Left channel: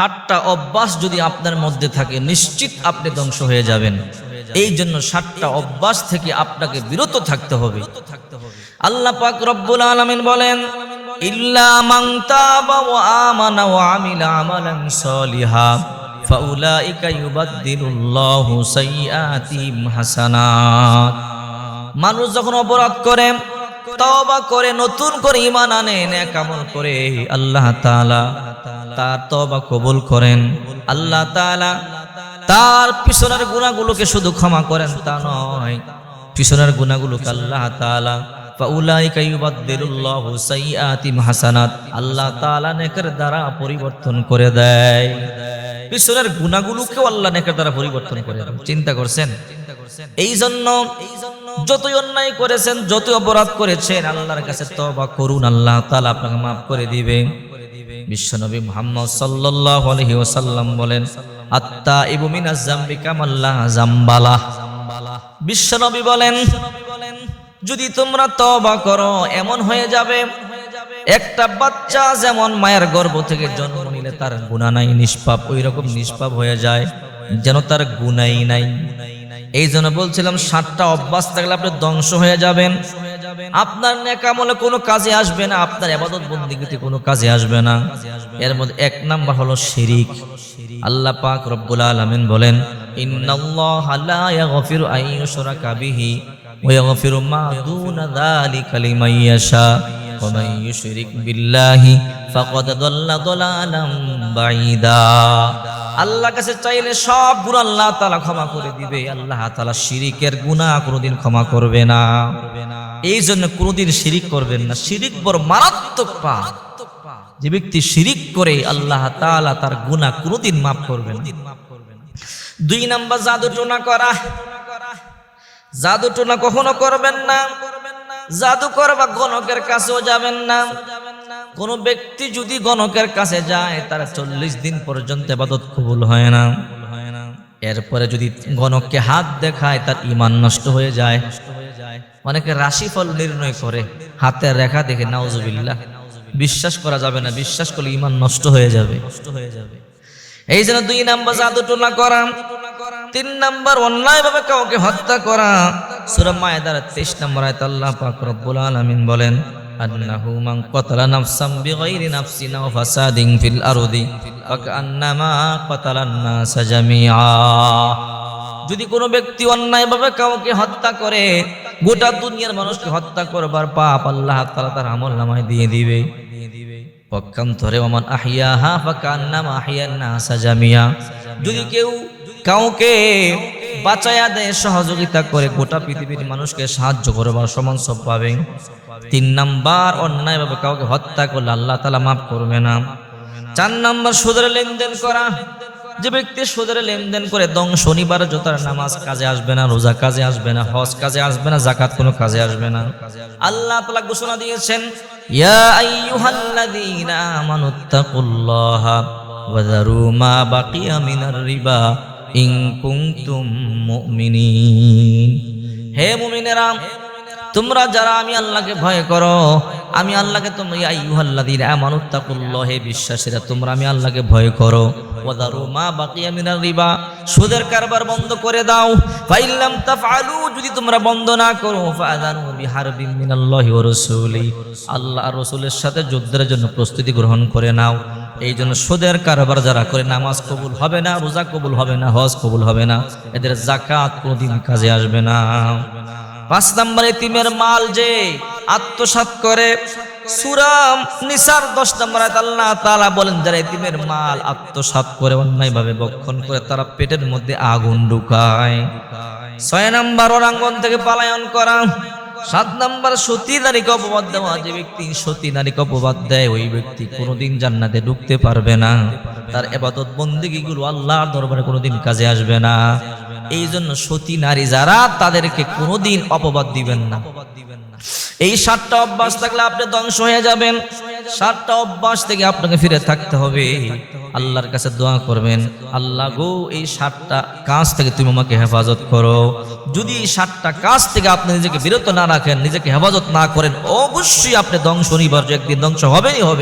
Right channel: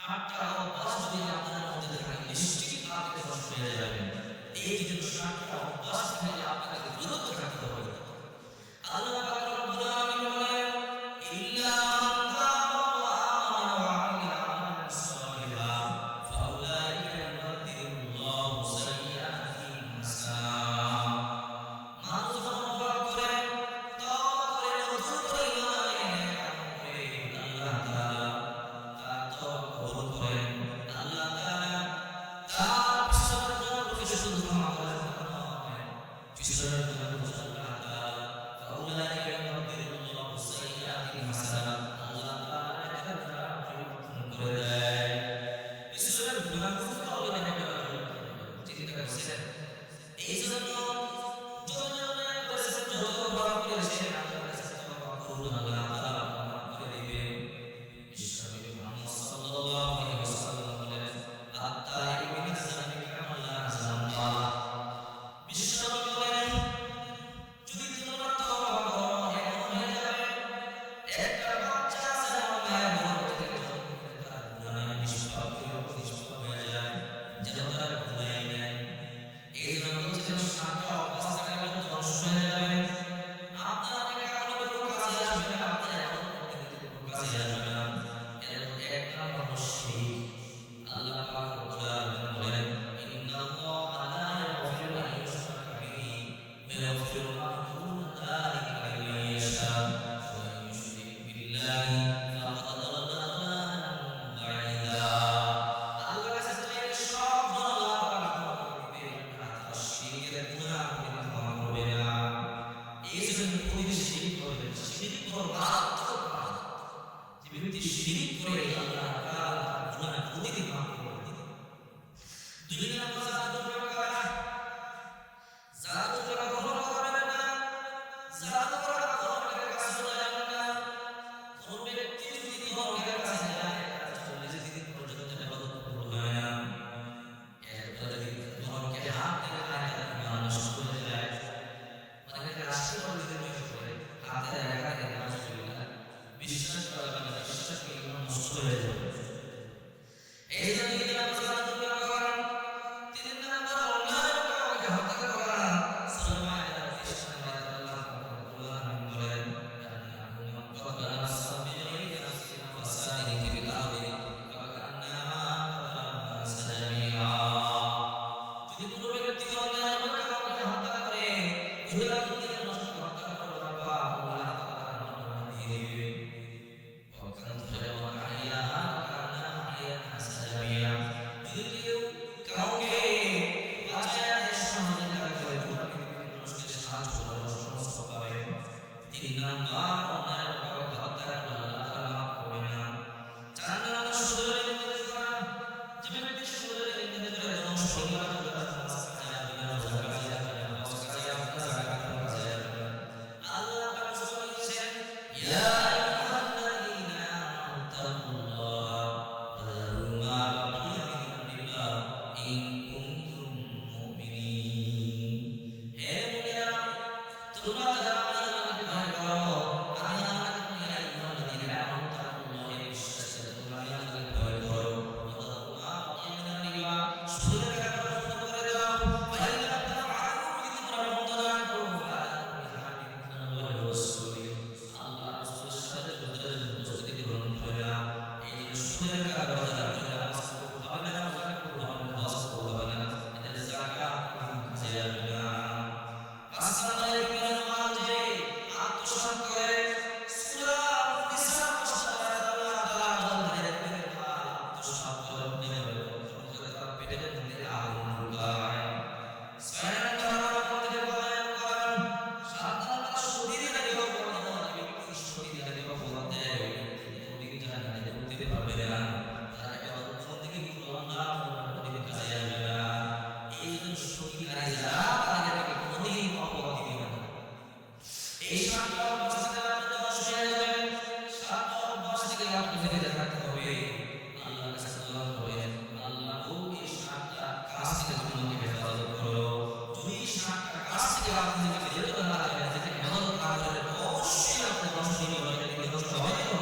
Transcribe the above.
সাতটা অভ্যাস যদি আপনার মধ্যে থাকে নিশ্চিত আপনি ধ্বংস হয়ে যাবেন। এই জন্য সাতটা অভ্যাস থেকে আপনাকে বিরত থাকতে হবে। আল্লাহ পাক রব্বুল আলামিন বলেন, ইল্লা মান তাবা ওয়া আমানা ওয়া আমিলা আমালান সলিহা ফাউলাইকা ইউবাদদিলুল্লাহু সাইয়্যাতিহিম হাসানাত। মানুষ যখন অপরাধ করে, তওবা করে, নতুন করে ঈমান আনে, নেক আমল করে, আল্লাহ তাআলা তার তওবা কবুল করেন। আল্লাহ তাআলা তার পিছনের গুনাহগুলোকে শুধু ক্ষমা করেন তা নয়, পিছনের গুনাহগুলোকে আল্লাহ তাআলা ফাউলাইকা ইউবাদদিলুল্লাহু সাইয়্যাতিহিম হাসানাত, আল্লাহ তাআলা নেকের দ্বারা পরিবর্তন করে দেয়। পিছনের গুনাহগুলোকেও আল্লাহ নেকের দ্বারা পরিবর্তন করে দেন। চিন্তা করছেন? এই জন্য যতই অন্যায় করেছেন, যতই অপরাধ করেছেন, আল্লাহর কাছে তওবা করুন, আল্লাহ তাআলা আপনাকে মাফ করে দিবে। বিশ্বনবী মুহাম্মদ সাল্লাল্লাহু আলাইহি ওয়াসাল্লাম বলেন, আত্তাইবু মিনাজ যামবি কামাল্লা যামবালা। বিশ্বনবী বলেন, যদি তোমরা তওবা করো এমন হয়ে যাবে একটা বাচ্চা যেমন মায়ের গর্ভ থেকে জন্ম নিলে তার গুনাহ নাই, নিষ্পাপ, ওই রকম নিষ্পাপ হয়ে যায়, যেন তার গুনাহই নাই। এই জন্য বলছিলাম, সাতটা অভ্যাস থাকলে আপনি ধ্বংস হয়ে যাবেন। আপনার নেক আমলে কোনো কাজে আসবে না, আপনার ইবাদত বন্দেগীতে কোনো কাজে আসবে না। এর মধ্যে এক নাম্বার হলো শিরিক। আল্লাহ পাক রব্বুল আলামিন বলেন, ইন্নাল্লাহা লা ইয়াগফিরু আন ইউশরাকা বিহি ওয়া ইয়াগফিরু মা দুনা যালিকা লিমান ইয়াশা ওয়া মান ইউশরিক বিল্লাহি ফাকাদ দাল্লা দালালাম বাঈদা। আল্লাহর কাছে চাইলে সব গুনাহ আল্লাহ তাআলা ক্ষমা করে দিবে। আল্লাহ তাআলা শিরিকের গুনাহ কোনোদিন ক্ষমা করবে না। এই জন্য কোনোদিন শিরিক করবেন না। শিরিক বড় মারাত্মক পাপ। যে ব্যক্তি শিরিক করে আল্লাহ তাআলা তার গুনাহ কোনোদিন মাফ করবেন না। দুই নাম্বার জাদু টোনা করা। জাদু টোনা কখনো করবেন না। জাদু করবা গণকের কাছেও যাবেন না। কোন ব্যক্তি যদি গণকের কাছে যায় তার 40 দিন পর্যন্ত ইবাদত কবুল হয় না। এরপরে যদি গণককে হাত দেখায় তার ঈমান নষ্ট হয়ে যায়। অনেকে রাশিফল নির্ণয় করে হাতের রেখা দেখে, নাউজুবিল্লাহ, বিশ্বাস করা যাবে না। বিশ্বাস করলে ঈমান নষ্ট হয়ে যাবে। এই জন্য 2 নাম্বার জাদু টোনা করা। 3 নাম্বার অন্যায়ভাবে কাউকে হত্যা করা। সূরা মায়েদার 23 নম্বর আয়াতে আল্লাহ পাক রব্বুল আলামিন বলেন, আন্নাহু মান কাতালা নাফসান বিগাইরি নাফসিন ওয়া ফাসাদিন ফিল আরদি ফাকান্নামা কাতালান নাস জামিআ। যদি কোনো ব্যক্তি অন্যায়ভাবে কাউকে হত্যা করে, গোটা দুনিয়ার মানুষকে হত্যা করবার পাপ আল্লাহ তাআলা তার আমলনামায় দিয়ে দিবে। পক্ষান্তরে ওমান আহিয়াহা ফাকান্নামা আহিয়ান নাস জামিআ। যদি কেউ কাউকে বাঁচায়া দেয়, সহযোগিতা করে, গোটা পৃথিবীর মানুষকে সাহায্য করবার সমান সব পাবে। 3 নাম্বার অন্যায়ভাবে কাউকে হত্যা করলে আল্লাহ তাআলা মাফ করবে না। 4 নাম্বার সুদের লেনদেন করা। যে ব্যক্তি সুদের লেনদেন করে শনিবার জোতার নামাজ কাজে আসবে না, রোজা কাজে আসবে না, হজ কাজে আসবে না, যাকাত কোনো কাজে আসবে না। আল্লাহ তাআলা ঘোষণা দিয়েছেন, ইয়া আইয়ুহাল্লাযীনা আমানুত্তাকুল্লাহা ওয়া যারু মা বাকিয়া মিনার রিবা ইন কুনতুম মুমিনিন। হে মুমিনেরা, তোমরা যারা আমি আল্লাহকে ভয় করো, আমি আল্লাহকে, তোমরা ইয়া আইয়ুহাল্লাযীনা আমানুত্তাকুল্লাহ, হে বিশ্বাসীরা, তোমরা আমি আল্লাহকে ভয় করো। ওয়া যারু মা বাকিয়া মিনার রিবা, সুদের কারবার বন্ধ করে দাও। ফাইল্লাম তাফআলু, যদি তোমরা বন্ধ না করো, ফাআযানু বিহারবিন মিনাল্লাহি ওয়া রাসূলিহি, আল্লাহ আর রাসূলের সাথে যুদ্ধের জন্য প্রস্তুতি গ্রহণ করে নাও। এই জন্য সুদের কারবার যারা করে নামাজ কবুল হবে না, রোজা কবুল হবে না, হজ কবুল হবে না, এদের যাকাত কোনোদিন কাজে আসবে না। 5 নম্বর এতিমের মাল যে আত্মসাৎ করে। সূরা নিসার 10 নম্বর আয়াত আল্লাহ তাআলা বলেন, যারা এতিমের মাল আত্মসাৎ করে, অন্যায়ভাবে ভক্ষণ করে, তারা পেটের মধ্যে আগুন ঢুকায়। 6 নম্বর অরাঙ্গন থেকে পলায়ন করা। 7 নম্বর সতী নারীকে অপবাদ দেওয়া। যে ব্যক্তি সতী নারীকে অপবাদ দেয়, ওই ব্যক্তি কোনোদিন জান্নাতে ঢুকতে পারবে না। তার ইবাদত বন্দেগীগুলো আল্লাহর দরবারে কোনোদিন কাজে আসবে না। এই জন্য সতী নারী যারা, তাদেরকে কোনোদিন অপবাদ দিবেন না। এই 7টা অভ্যাস থাকলে আপনি ধ্বংস হয়ে যাবেন। 7টা অভ্যাস থেকে আপনাকে ফিরে থাকতে হবে। আল্লাহর কাছে দোয়া করবেন, আল্লাহ গো, এই 7টা কাজ থেকে তুমি আমাকে হেফাজত করো। যদি এই 7টা কাজ থেকে আপনি নিজেকে বিরত না রাখেন, নিজেকে হেফাজত না করেন, অবশ্যই আপনি ধ্বংস অনিবার্য, একদিন ধ্বংস হবেই হবে।